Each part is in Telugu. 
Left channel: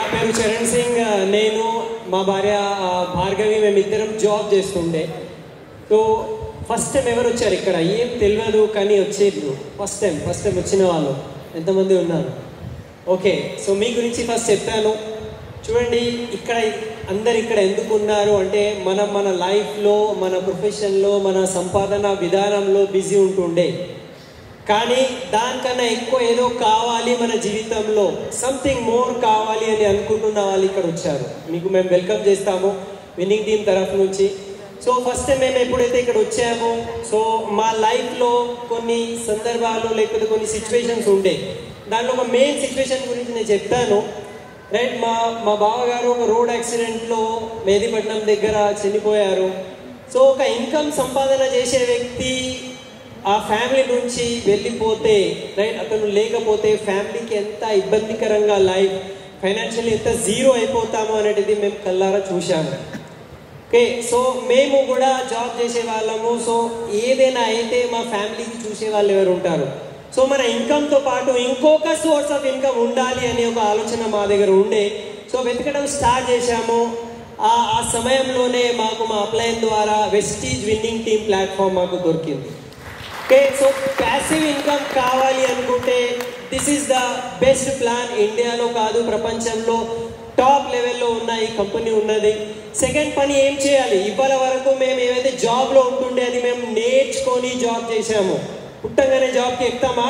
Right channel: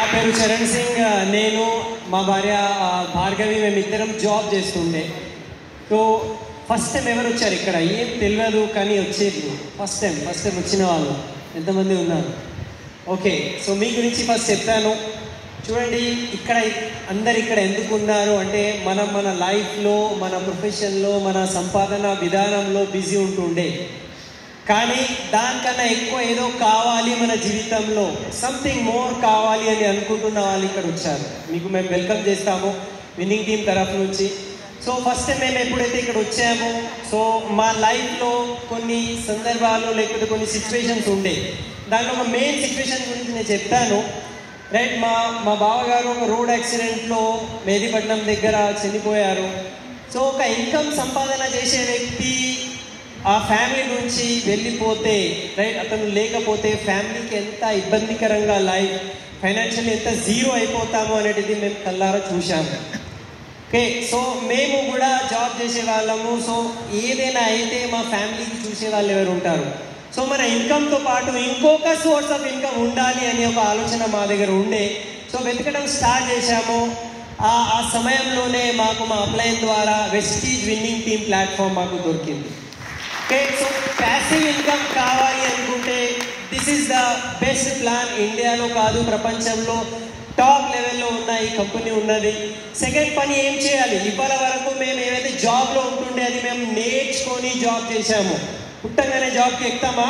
నా పేరు చరణ్ సింగ్. నేను మా భార్య భార్గవి మేమిద్దరం జాబ్ చేస్తుండే. సో ఫస్ట్ టైం ఎవరు వచ్చారు ఇక్కడ? ఏం తెలియదు కానీ వచ్చేది ఫస్ట్ టైం వచ్చిన వాళ్ళు ఎంతమంది ఉన్నారు? ఓకే, సో మీ గురించి ఫస్ట్ చెప్తాను. చూడండి, అందరు ఇక్కడ ఎందుకు ఉన్నారు అంటే మన లైఫ్లో, మన ప్రొఫెషన్లో, మన సంపాదన విధానంలో బిజీ ఉంటుండే. కానీ దానికన్నా ఎక్కువ ఏదో కావాలి మన జీవితంలో, సంథింగ్ మోర్ కావాలి అని అనుకుంటున్న వాళ్ళు ఇక్కడ వచ్చారు. మీకు మేము వెల్కమ్ చేస్తాము విన్నింగ్ టీమ్ తరఫు నుంచి. సో ఫస్ట్ టైం మేము ఎప్పుడైతే ఇక్కడ వచ్చామో, సో మా లైఫ్లో కొన్ని సందర్భాలు లేకపోతే కొన్ని సిచ్యువేషన్స్ ఉండే. దాంట్లో ఒక మెయిన్ సిచ్యువేషన్ గురించి నేను చెప్తాను. రైట్, మా బావగారు ఒక రోడ్ యాక్సిడెంట్లో మేదీపట్నం దగ్గర చనిపోయారు. సో ఒక ఇన్కమ్ సంపాదన చేసే వ్యక్తి ఆ ఫ్యామిలీ నుంచి వెళ్ళిపోతే, రైట్, అతను లేకపోతే ఫ్యామిలీకి ఎంత ఇబ్బందికరంగా లైఫ్ ఫైనాన్షియల్లీ ఎంత జీరో అయిపోతాము అనేది మేము కళ్ళారా చూసాము. ఓకే, సో మేము కూడా జాబ్ చేసే వాళ్ళము. సో ఏదైనా అయితే మా ఫ్యామిలీకి చూసే వాళ్ళు ఎవరు ఉంటారు? సో మన ఇన్కమ్తో పాటు ఇంకొక సోర్స్ ఆఫ్ ఇన్కమ్ ఉండాలి అనే ఒక ఆలోచన మా దగ్గర ఉండే. సో వెతకడం స్టార్ట్ చేశాము. ఆ సమయంలోనే మాకు మా అప్లైన్ ద్వారా వెస్టీజ్ విన్నింగ్ టీమ్ ప్లాట్ఫామ్ మాకు దొరికింది. ఓకే, సో ప్యాసివ్ ఇన్కమ్ కావాలి అనుకుంటే this is the best plan. ఇండియాలో కాదు, ప్రపంచంలో టాప్ లెవెల్లో ఉన్న ఈ కంపెనీ ఉన్నది. సెకండ్ పని ఏం చేయాలి? ఇప్పటి వరకు మేము ఏవైతే జాబ్లో ఉంటుండే అది మేము నేర్చుకొని జాబ్ చేశాము. పుట్టంగానే జాబ్కి ఎక్కుతామా?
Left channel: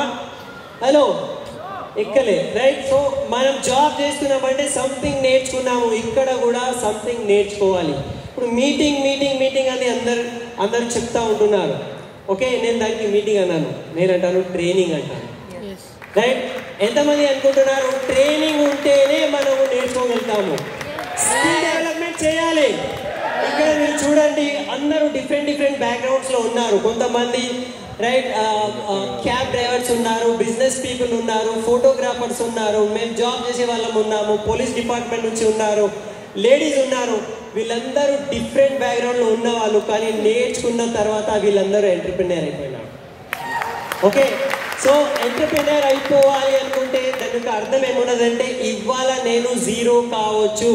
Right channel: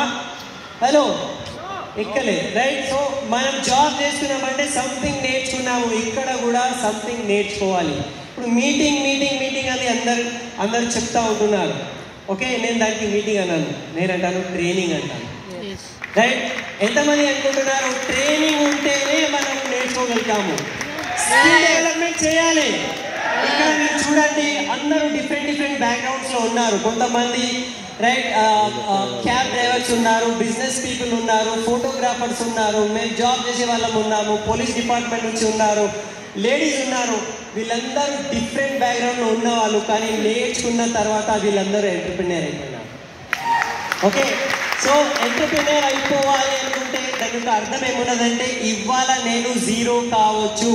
హలో, ఎక్కలే. రైట్, సో మనం జాబ్ చేస్తున్నామంటే సంథింగ్ నేర్చుకున్నాము. ఇక్కడ కూడా సంథింగ్ నేర్చుకోవాలి. ఇప్పుడు మీటింగ్ అని అందరు చెప్తా ఉంటున్నారు. ఓకే, నేను దానికి మీటింగ్ అన్నాను, నేను అంటాను ట్రైనింగ్ అంటాను. రైట్, ఎంతమంది అనుకుంటున్నారు ట్రైనింగ్ ఉంటేనే మనము నేర్చుకోగలుగుతాము? స్కిల్ డెవలప్మెంట్ చేయాలి. ఇక్కడ మీరు చూడండి, అందరూ డిఫరెంట్ బ్యాక్గ్రౌండ్స్లో ఉన్నారు. కొంతమంది రైట్ క్యాబ్ డ్రైవర్స్ ఉన్నారు, బిజినెస్ పీపుల్ ఉన్నారు, ఫోటోగ్రాఫర్స్ ఉన్నారు, మేము జాబ్ చేసే వాళ్ళం ఉన్నాము, పోలీస్ డిపార్ట్మెంట్ నుంచి ఉన్నారు, లేడీస్ ఉన్నారు. వీళ్ళందరూ డిఫరెంట్ బ్యాక్గ్రౌండ్లో ఉన్నవాళ్ళు. కానీ నేర్చుకున్న తర్వాత వీళ్ళందరూ ఎంటర్‌ప్రెన్యూర్ అయిపోయినారు. ఓకే, సో ఎంటర్‌ప్రెన్యూర్ అయిపోవాలి అనుకుంటే దాని యొక్క అర్థం ఏమున్నదంటే ఇవాళ నేను జీరో కావచ్చు,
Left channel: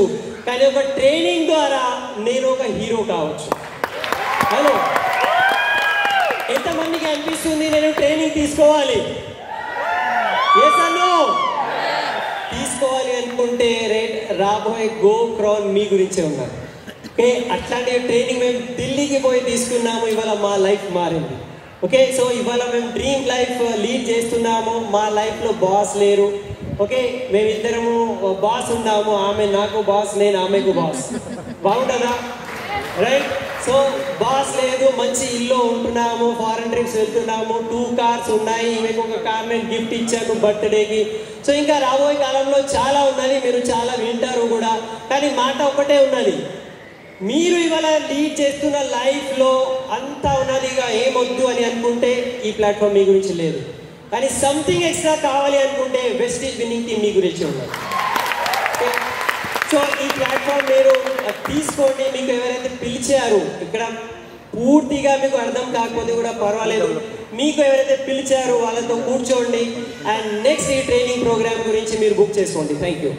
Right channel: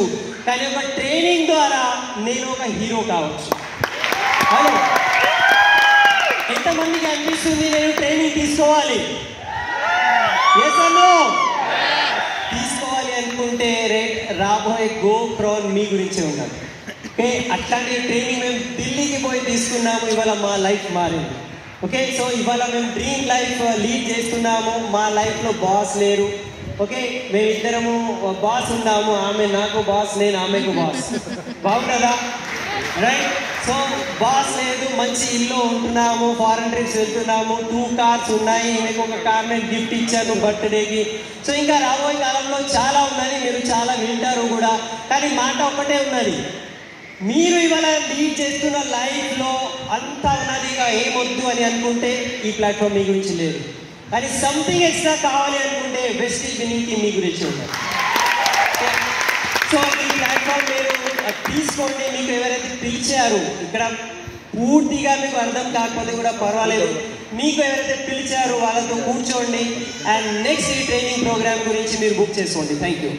కానీ ఒక ట్రైనింగ్ ద్వారా నేను ఒక హీరో కావచ్చు. హలో, ఎంతమందికి అనిపిస్తుంది నేను ట్రైనింగ్ తీసుకోవాలి? Yes or no? తీసుకోవాలి అనుకుంటే రైట్, రాబోయే గో క్రౌన్ మీ గురించే ఉన్నారు. ఓకే, అట్లాంటి ట్రైనింగ్ మేము ఢిల్లీకి పోయి తీసుకున్నాము. ఇవాళ మా లైఫ్ మారింది. ఓకే, సో ఇవాళ మేము డ్రీమ్ లైఫ్ లీడ్ చేస్తున్నాము. మా లైఫ్లో బాస్ లేరు. ఓకే, మేమిద్దరము బాస్ ఉన్నాము. ఆమె నాకు బాస్, నేను ఆమెకు బాస్. బాగుంటుందా? రైట్, సో బాస్ లేదు, మంచి ఇల్లు ఉంటున్నాము, ఫారెన్ ట్రిప్స్ వెళ్తున్నాము, 2 కార్స్ ఉన్నాయి. మీకు ఒక కార్ నేను గిఫ్ట్ ఇచ్చాను బర్త్డేకి. సో ఇంకా రాబోయే కాలంలో చాలా ఉన్నది, మీరు చాలా వింటారు కూడా. కానీ మాట ఒకటే ఉన్నది, మీరు ఇవాళ లీడ్ చేస్తున్న లైఫ్లో అంతా ఉన్నది, ఇక ఏమొద్దు అని అనుకుంటే ఈ ప్లాట్ఫామ్ మీ గురించి లేదు. కానీ సంథింగ్ ఎక్స్ట్రా కావాలి అనుకుంటే వెస్టీజ్ విన్నింగ్ టీమ్ మీ గురించి ఉన్నది. సో ఈ ప్లాట్ఫామ్ మీరు తీసుకోండి. మీకు ఎవరైతే పిలిచారు, ఇక్కడ పూర్తిగా మీకు అర్థం కాకపోతే కూడా పర్వాలేదు, మీకు ఎవరైతే పిలిచారో వాళ్ళతో కూర్చోండి అండ్ నెక్స్ట్ ఈ ట్రైనింగ్ ప్రోగ్రామ్ గురించి మీరు బుక్ చేసుకోండి. Thank you.